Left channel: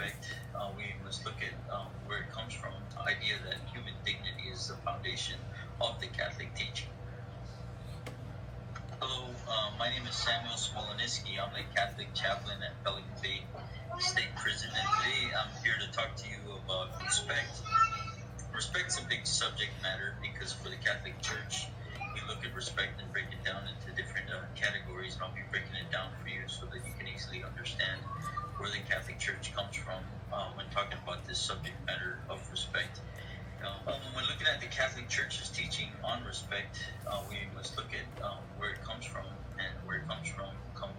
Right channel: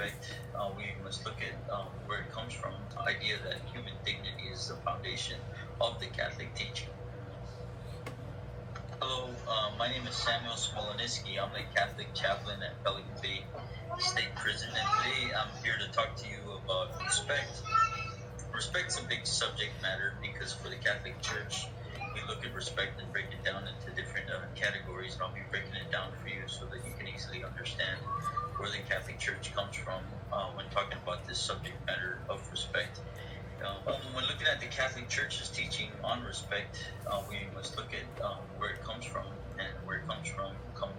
respect, we must look at where it comes from. The idea that human dignity is the foundation of the Catholic teaching. Hello, my name is Samuel Smolensky. I'm a Catholic chaplain at Pelican Bay State Prison, and today I'm here to talk to you about respect. Respect's a big subject matter because for the Catholic Church, we look at respect and break it down into different categories, and I'll be breaking it down for you so that you can easily understand where the Catholic Church comes from when talking about this subject matter of respect. When looking at the Catholic Church's teaching on respect, we must look at where it comes from, and where it comes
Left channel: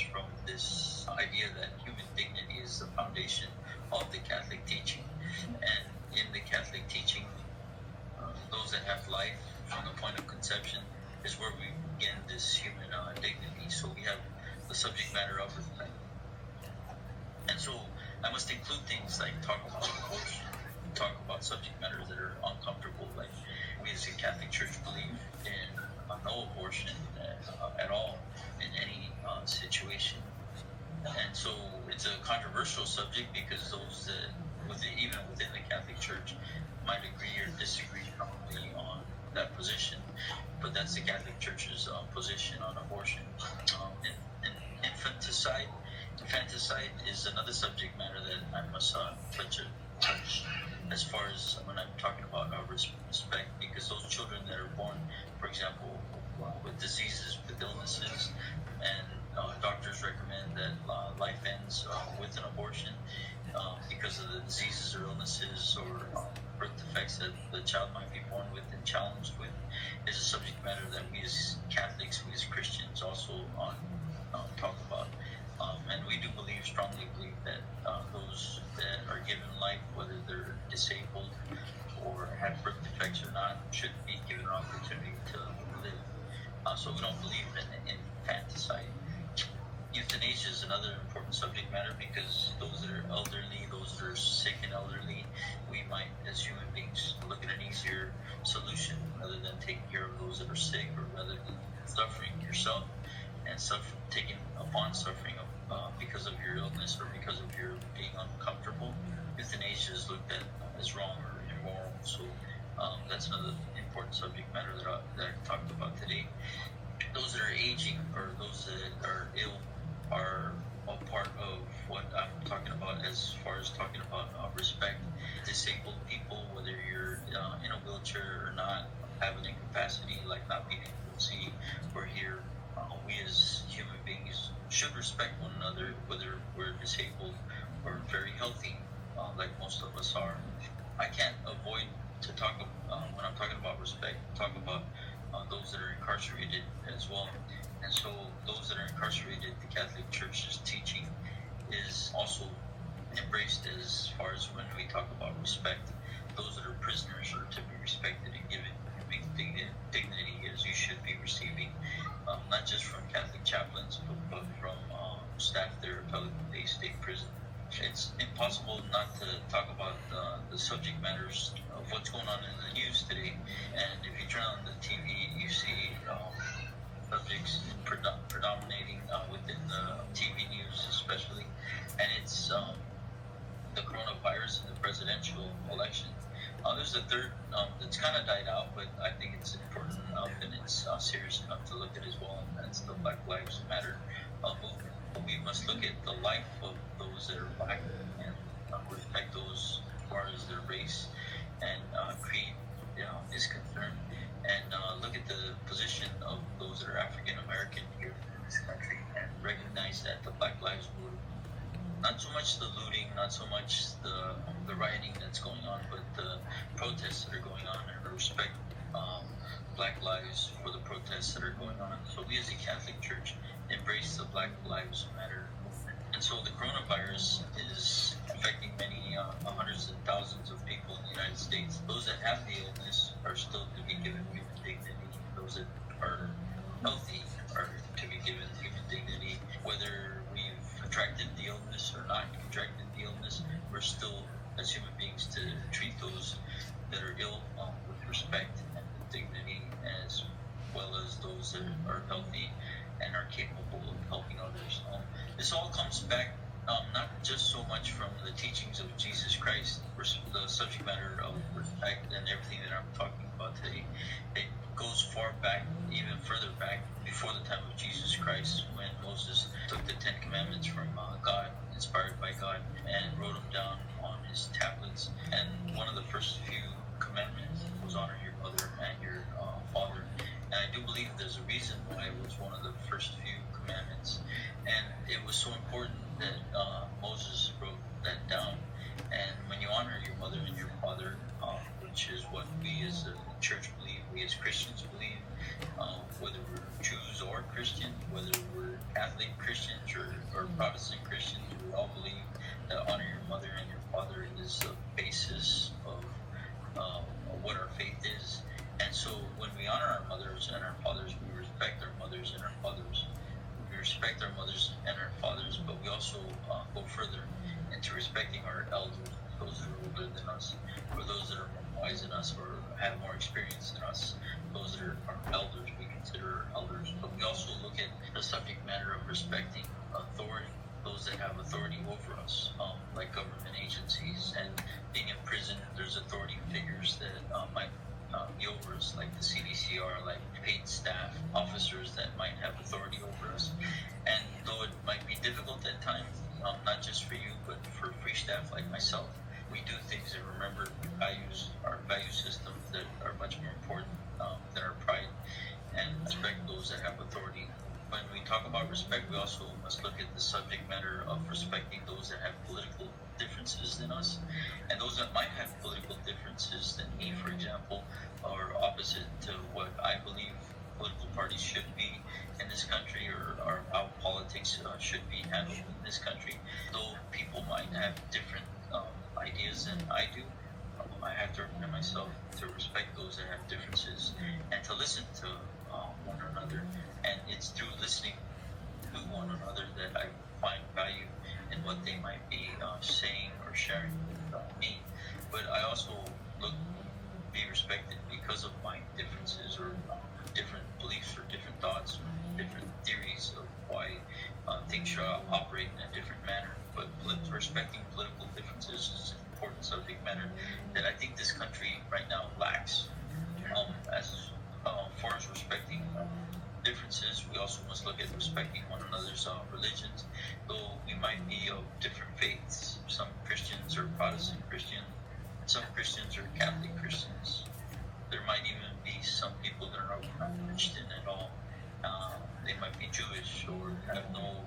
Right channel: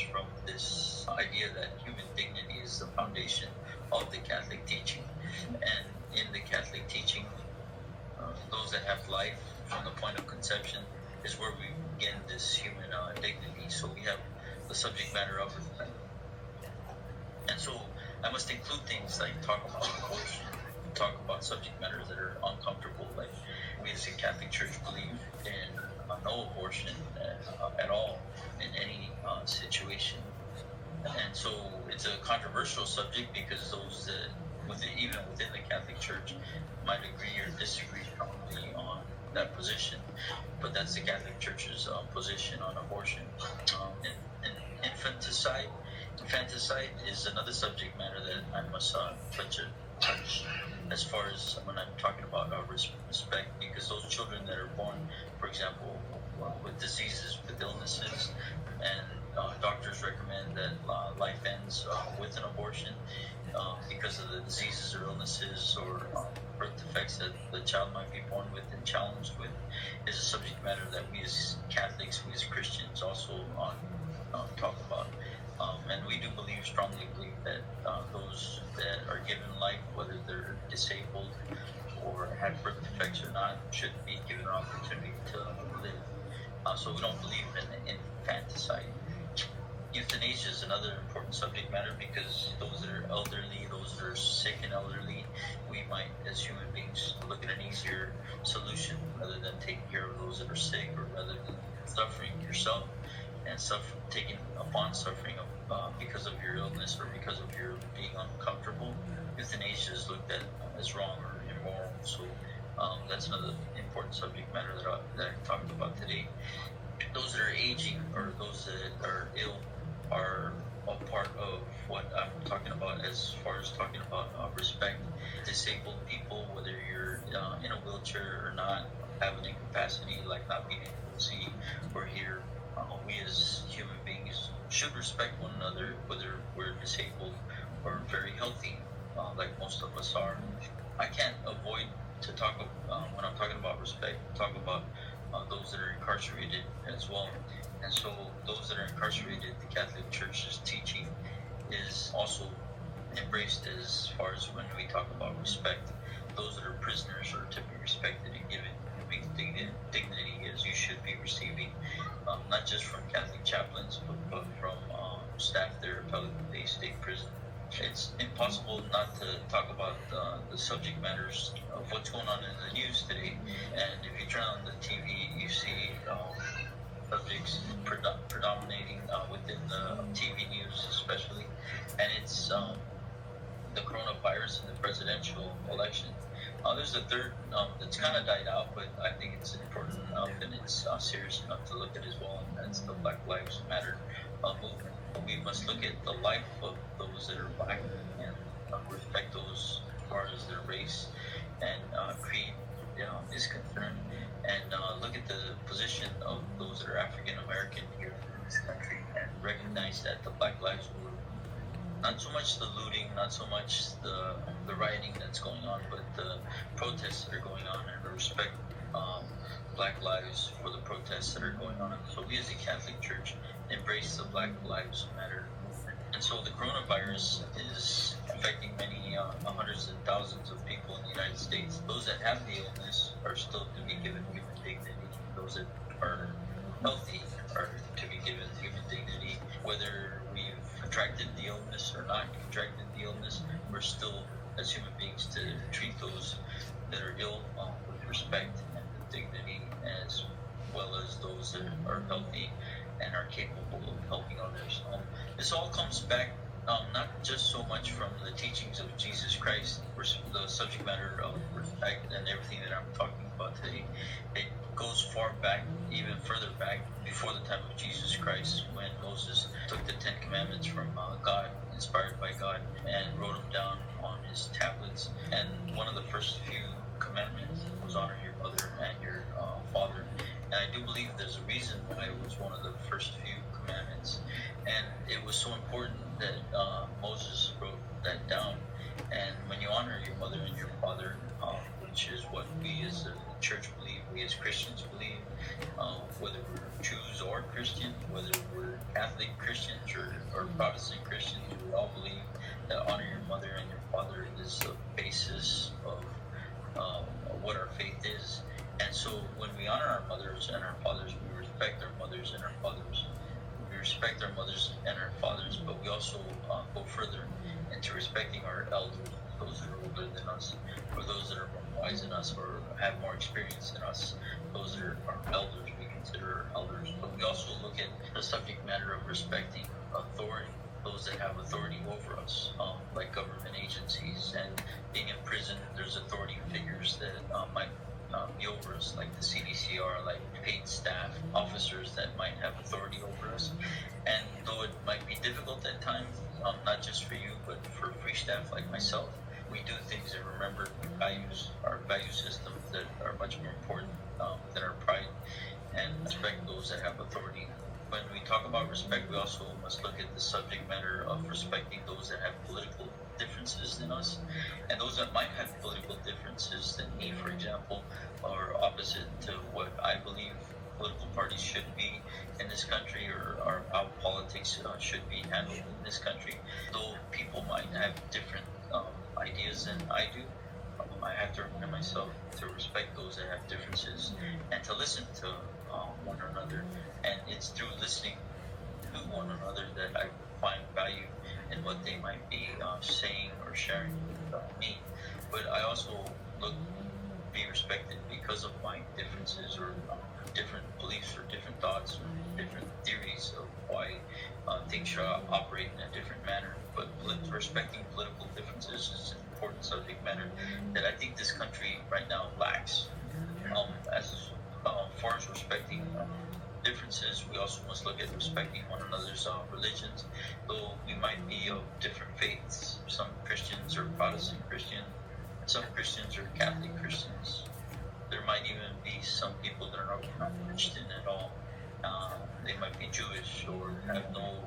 from this idea that human dignity is the foundation of the Catholic teaching. And in the Catholic teaching, those that have life from the point of conception is where we begin this human dignity. So we have the subject matter of respect. And so I must include things like talk about abortion, talk about subject matters that are uncomfortable. Like we as a Catholic Church believe in no abortion at all in any situation. And so it's a controversial subject because those that even within the Catholic Church might agree or disagree strongly on that position. But that's the Catholic Church's position on abortion. Infanticide is another subject matter that I must touch as far as when I'm talking about respect, because those children that are born, for example, with diseases, with illnesses, and doctors recommend that life ends with an abortion because of the diseases or illnesses or birth defects that the child might be born with and challenged with, is a subject matter that we as Catholics, we as Christians also talk about. And we do strongly believe that those that are given life, whether they're disabled or have birth defects or not, should be given an opportunity to live. So we don't believe in infanticide. Euthanasia is another important subject matter because those that are elderly, those that are sick and elderly, we might, as human beings, look at an easier solution rather than taking care of those that are sick, or rather than suffering yourself and taking upon suffering because of your illness or because of your being uncomfortable. Euthanasia is looked at as wrong or immoral. So that's another important subject matter that I talked about today. Those that are aging or those that are ill are a part of what I'm talking about as far as talking about respect. Disabled people, whether you're in a wheelchair or not, have an incapacity like not being able to see or hear, we as human beings should respect one another, whether we're disabled or very healthy, like most of us are. I can't avoid to talk when I'm talking about respect, talk about those that are incarcerated as well. And so those that are incarcerated, the Catholic Church's teaching is also embraced as far as when we talk about respect. Those that are prisoners are to be respected and given dignity as you should be receiving, not just from Catholic chaplains, but from staff there at Pelican Bay State Prison. It's impossible not to talk about the subject matters of what's going on in the news today. And if you turn on the TV, you see subjects predominating within the TV news especially, and it's the coronavirus and the presidential election. There's a third that's kind of died out, but I think it's important enough and it's serious enough to look at as well, and that's the Black Lives Matter movement. We must look at the life of those that are black and respect those as far as their race and creed is concerned, and look at the position of those that are African American here in this country and recognize that the Black Lives Movement, not so much the looting, not so much the rioting that's going on, but the protests that are going on, and to respect Black lives for the protests that are going on. So we as a Catholic Church embrace the Black Lives Matter movement. And so the coronavirus is affecting many hundreds and thousands of people in the United States. Those that have the illness are still to be given human dignity. Those that are healthy are to be given human dignity. Whether we've contracted the illness or not contracted the illness, we're still, as human beings, to treat those that are ill with respect and with dignity, as well as those that are healthy and are capable of helping others. This all comes back not just so much from the teachings of Jesus Christ, the subject matter of respect and everything that I'm talking about today. It goes far back, even further back, before the time of Jesus Christ, when Moses took the Ten Commandments from God, inspired by God, and wrote them down on his tablets. And one of the first few commandments was honor your mother and your father. And I do believe there's a reason why it was one of the first few commandments. And it was so important that Moses wrote that down. And when you honor your mother and your father, which is what we as a church believe, we as Christians believe, whether we're Jews or Christians, whether we're Catholic Christians or Protestant Christians, we all believe that honor your mother and your father is the basis of what our faith is. And so when we honor our mothers and our fathers, we respect our mothers and our fathers. We respect our mothers and our fathers, but we also go further into respecting our elders, those that are older than us, or those that are more wise than us, or have more experience than us. Those that are our elders, we consider our elders. But we also look at the subject matter of respecting authority, those that have authority over us, like government agencies. And being in prison, there's authority figures that might be over us, like the CDCR, like paid staff, officers that might have authority over us. And though it might be difficult at times, not just for you, but for free staff like myself, we do things and remember values, our value system that are much more important than our pride, and respect those that have authority. When we talk about respect, we also must look at the subject matter of respecting those that have political differences than us, and those that might have political differences than me, for example, are opposite to what I believe political parties should be in this country, or how politics should be handled in this country. Though people might have different ideas than I do, I have to remind myself to respect those that have differences and to listen to one another. And it's through listening to one another that I find value in what they might be saying or sharing with me. But I also be respected because of my differences, or different beliefs, or different thoughts, or different theories of why things should operate in a different manner. But respecting political differences is an important subject matter that I think this country right now lacks. As far as respecting differences, we also must look at respecting one another's religions, though we might be of different faiths. Some Christians are Protestant Christians, some Christians are Catholic Christians. There might even be some people that are not Christian at all. They might be Jewish or have no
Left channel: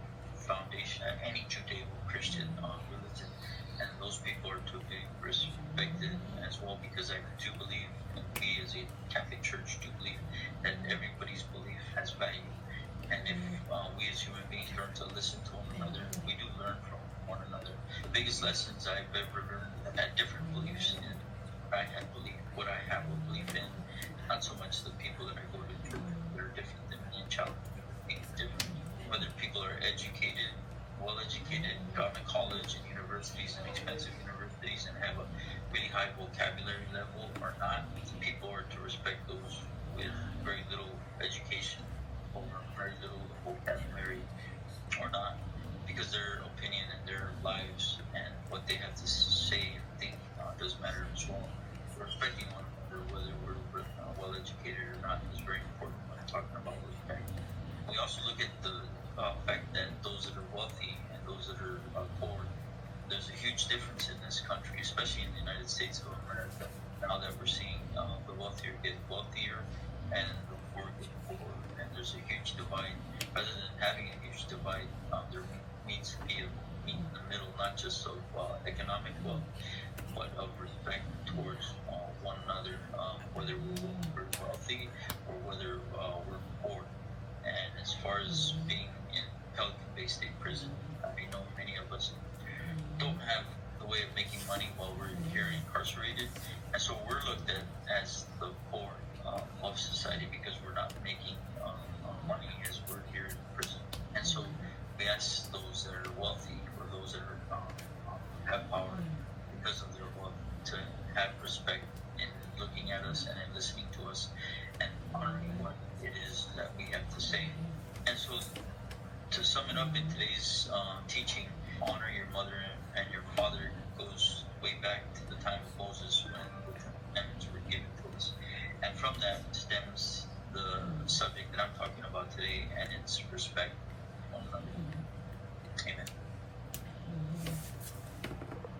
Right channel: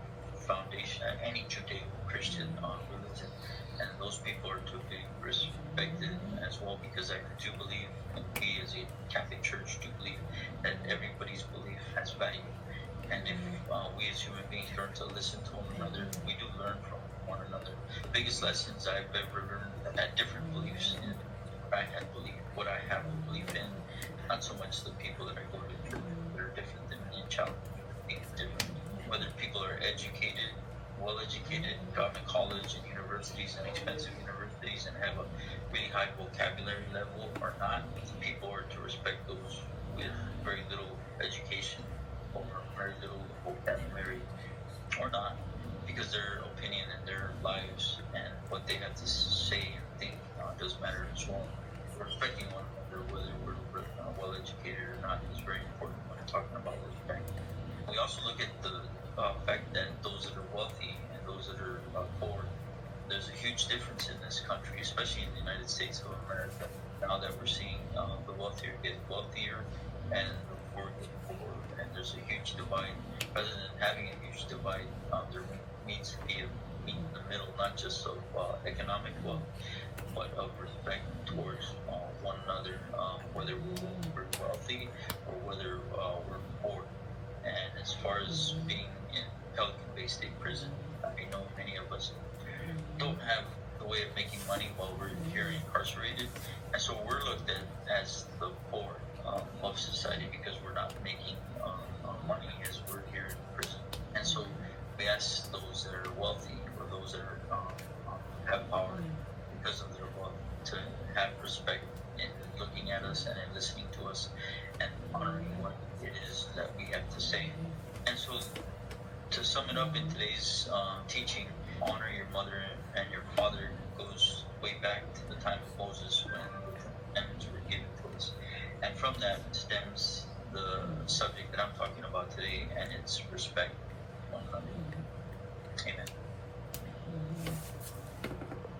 foundation at any Judeo-Christian religion. And those people are to be respected as well, because I do believe, and we as a Catholic Church do believe, that everybody's belief has value. And if we as human beings learn to listen to one another, we do learn from one another. The biggest lessons I've ever learned had different beliefs in what I had believed, what I have a belief in, not so much the people that I go to church that are different than me and challenge me different. Whether people are educated, well-educated, gone to college and universities and expensive universities and have a really high vocabulary level or not, people are to respect those with very little education or very little vocabulary or not, because their opinion and their lives and what they have to say and think does matter as well. Respecting one another, whether we're well-educated or not, is very important when talking about respect. We also look at the fact that those that are wealthy and those that are poor, there's a huge difference in this country, especially in the United States of America. Now that we're seeing the wealthier get wealthier and the poor get poor, and there's a huge divide. Rather than having a huge divide, there needs to be a meet in the middle, not just of economic wealth, but of respect towards one another, whether we're wealthy or whether we're poor. And as far as being in Pelican Bay State Prison, I know many of us don't have the way of making money while we're here incarcerated, and so we're looked at as the poor of society because we're not making money as we're here in prison. And so we ask those that are wealthy, or those that are have power because of their wealth, to have respect in looking at us and in listening to us and honoring what it is that we have to say. And so, to sum it up in today's teaching, honor your mother and your father goes way back to the time of Moses when the commandments were given to us. And from that stems the subject that I'm talking about today, and it's respect one another.